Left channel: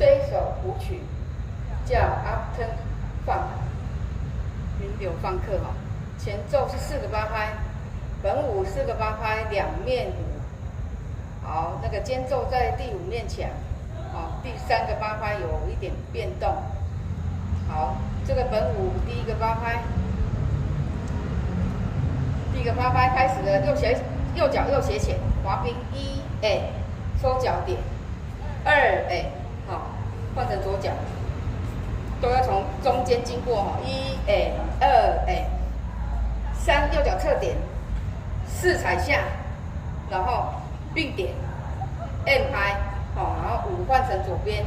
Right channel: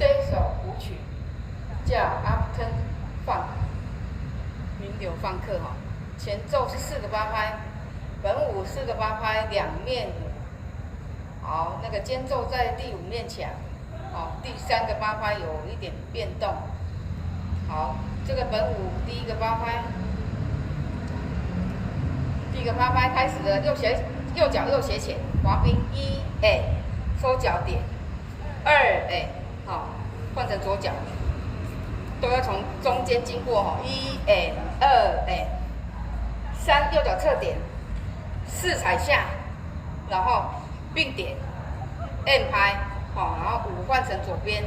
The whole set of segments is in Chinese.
这一首舞曲叫 After Funk， 云流放克哈，前奏是4个8拍，本舞4个8拍，2面舞。好，那个间奏在第5面墙，第3个8拍有一点变动。好，这个本舞第1个8拍，第1个8拍开始了，右脚右斜前滑冰1收脚点2好，换成左脚，都要从中间经过哈123右脚侧点4踩下，然后并点 N 拍，好，然后5换成左边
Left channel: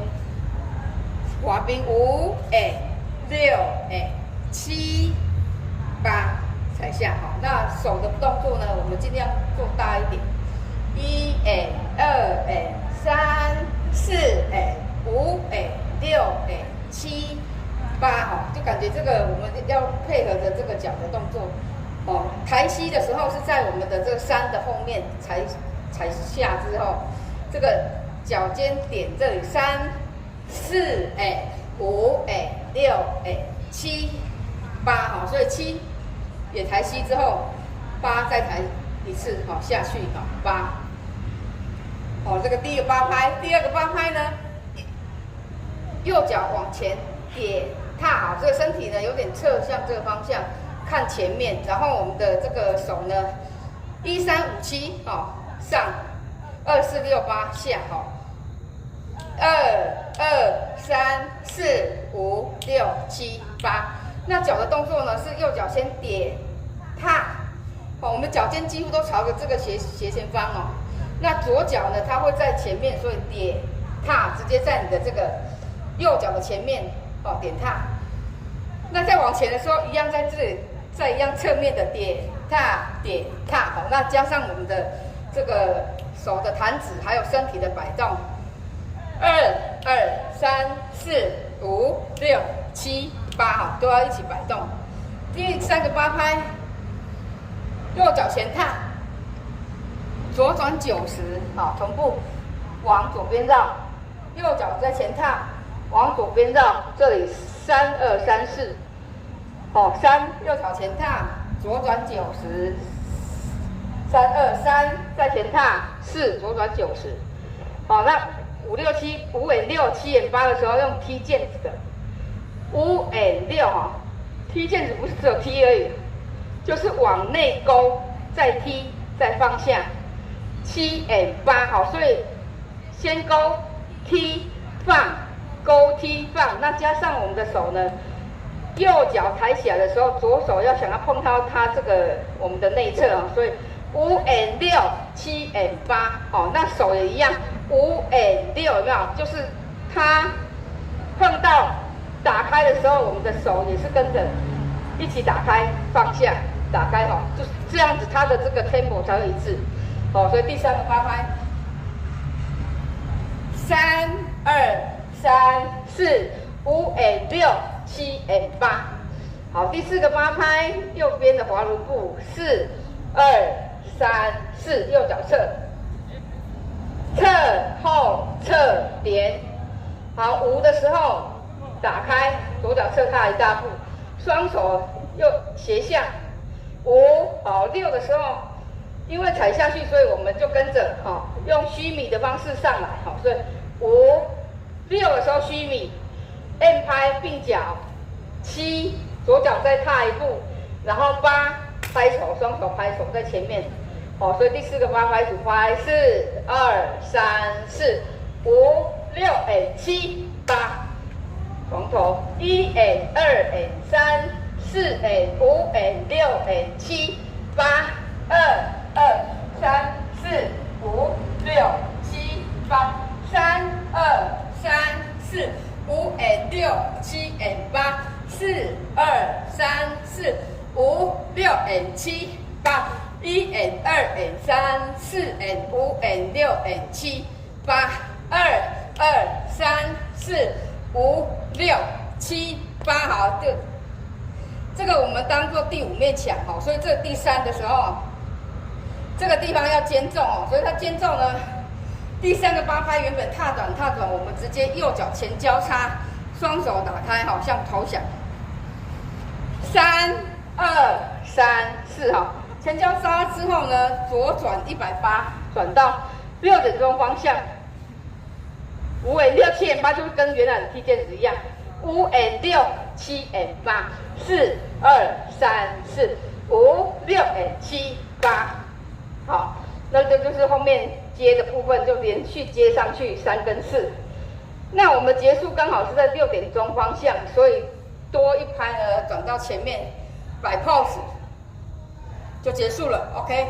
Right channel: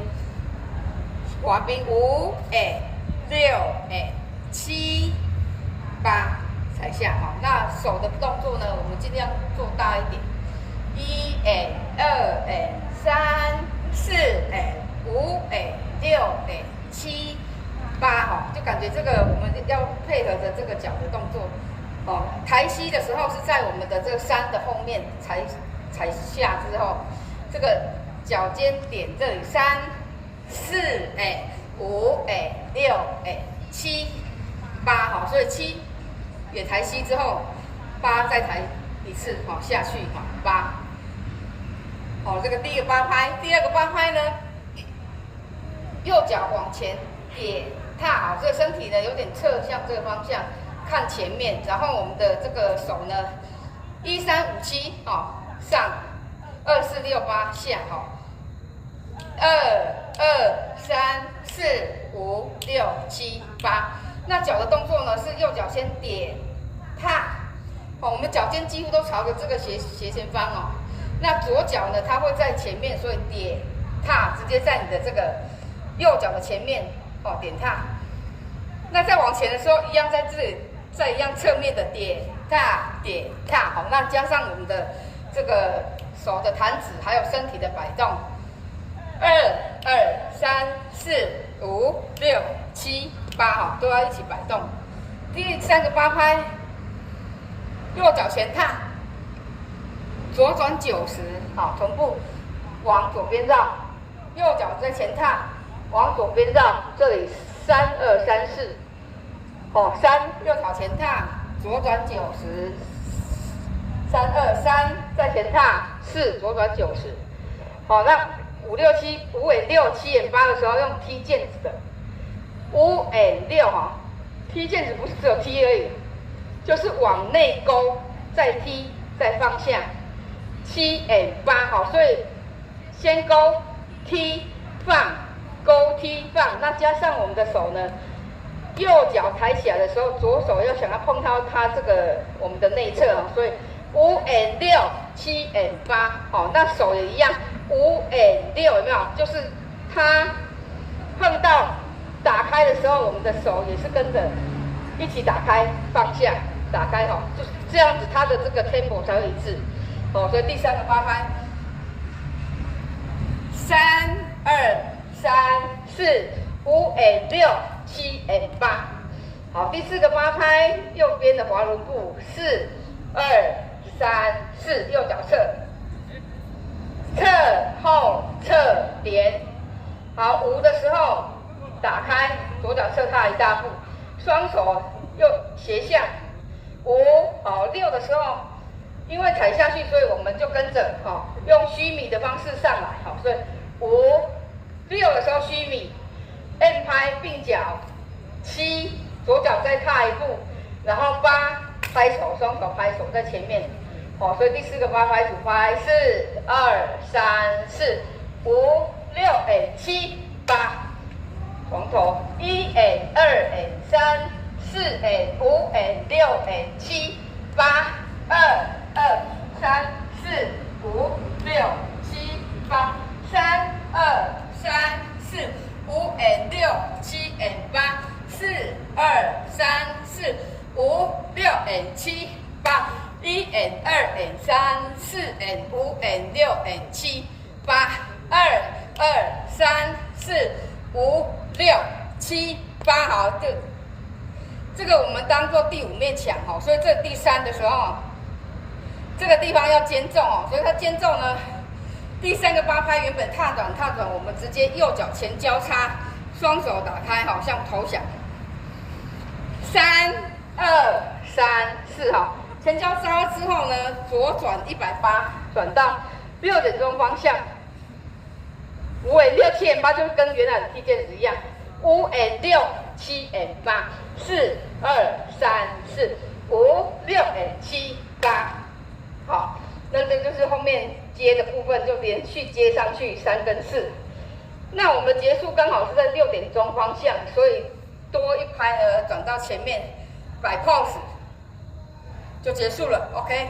滑冰567 8踩下，好，那手的动作呢，我们尽量做大一点，123 4 5 6 7 8，哈，就感觉这个我们要配合着这个脚的动作，哦，抬膝的时候是在我们的这个3的后面踩下之后，这个脚尖点这里3 4 5 6 7 8，哈，所以7也抬膝之后，8再抬一次，好，下去，好8，好，这个第1个8拍，第2个8拍呢，右脚往前点踏好，这个身体呢有点侧向这个方向，看前面，然后我们的这个手呢，1 3 5 7，上2 4 6 8下，2 3 4 5 6 7 8。那脚的动作呢是右脚先点踏，我们脚尖几乎都朝着这个斜前方哦。那左脚呢，它会在前面，所以点踏直接在你的这个右脚的前面点踏。那再往前的时候，一样在这里，再一样侧面的点踏，好，那加上我们的这个手的弹指，还有身体的摆动，2 3 4 5 6 7 8，都要一起摆动。第3个8拍，右脚前踏，左转90，好，同步往左边绕，右脚在前踏，往左边绕，这里3 2 3 4， 3右脚前踏，左转90，3 2 3在前踏，4左转90，好，那5 6 7 5 6 7 8的时候用踢毽子的，5 6哈，踢毽子不是只有踢而已，就是往内勾，再踢，再放下，7 8，好，所以先勾踢放，勾踢放，那加上我们的手呢，右脚抬起来的时候，左手要想要碰到它这个我们的内侧，所以5 6 7 8，好，那手也一样，5 6有没有？就是它碰到打开的时候，我们的手也是跟着一起打开放下，打开，就是这样子，它的这个 tempo 才会一致，所以第3个8拍，3 2 3 4 5 6 7 8，好，第4个8拍，右边的滑轮步4 2 3 4，右脚侧，侧后侧点，好，5的时候打开，左脚侧踏一大步，双手右斜向，5，好，6的时候，因为踩下去，所以我们就跟着用虚米的方式上来，好，所以5 6的时候虚米 ，M 拍并脚，7左脚再踏一步，然后8拍手，双手拍手在前面，所以第4个8拍主拍4 2 3 4 5 6 7 8。从头1 2 3 4 5 6 7 8 2 2 3 4 5 6 7 8 3 2 3 4 5 6 7 8 4 2 3 4 5 6 7 8 1 2 3 4 5 6 7 8 2 2 3 4 5 6 7 8，好，这个我们当做第5面墙，所以这第3的时候，这个地方要间奏，所以它间奏呢，第3个八拍原本踏转，我们直接右脚前交叉，双手打开，好像投降。3、2、3、4，好，前交叉之后呢，左转180，转到6点钟方向。5 and 6 7 and 8就跟原来的踢毽子一样，5 and 6 7 and 8 4 2 3 4 5 6 and 7 8，好，那这就是后面接的部分，就连续接上去3跟4。那我们结束刚好是在6点钟方向，所以多一拍呢，转到前面摆 pose 就结束了 ，OK。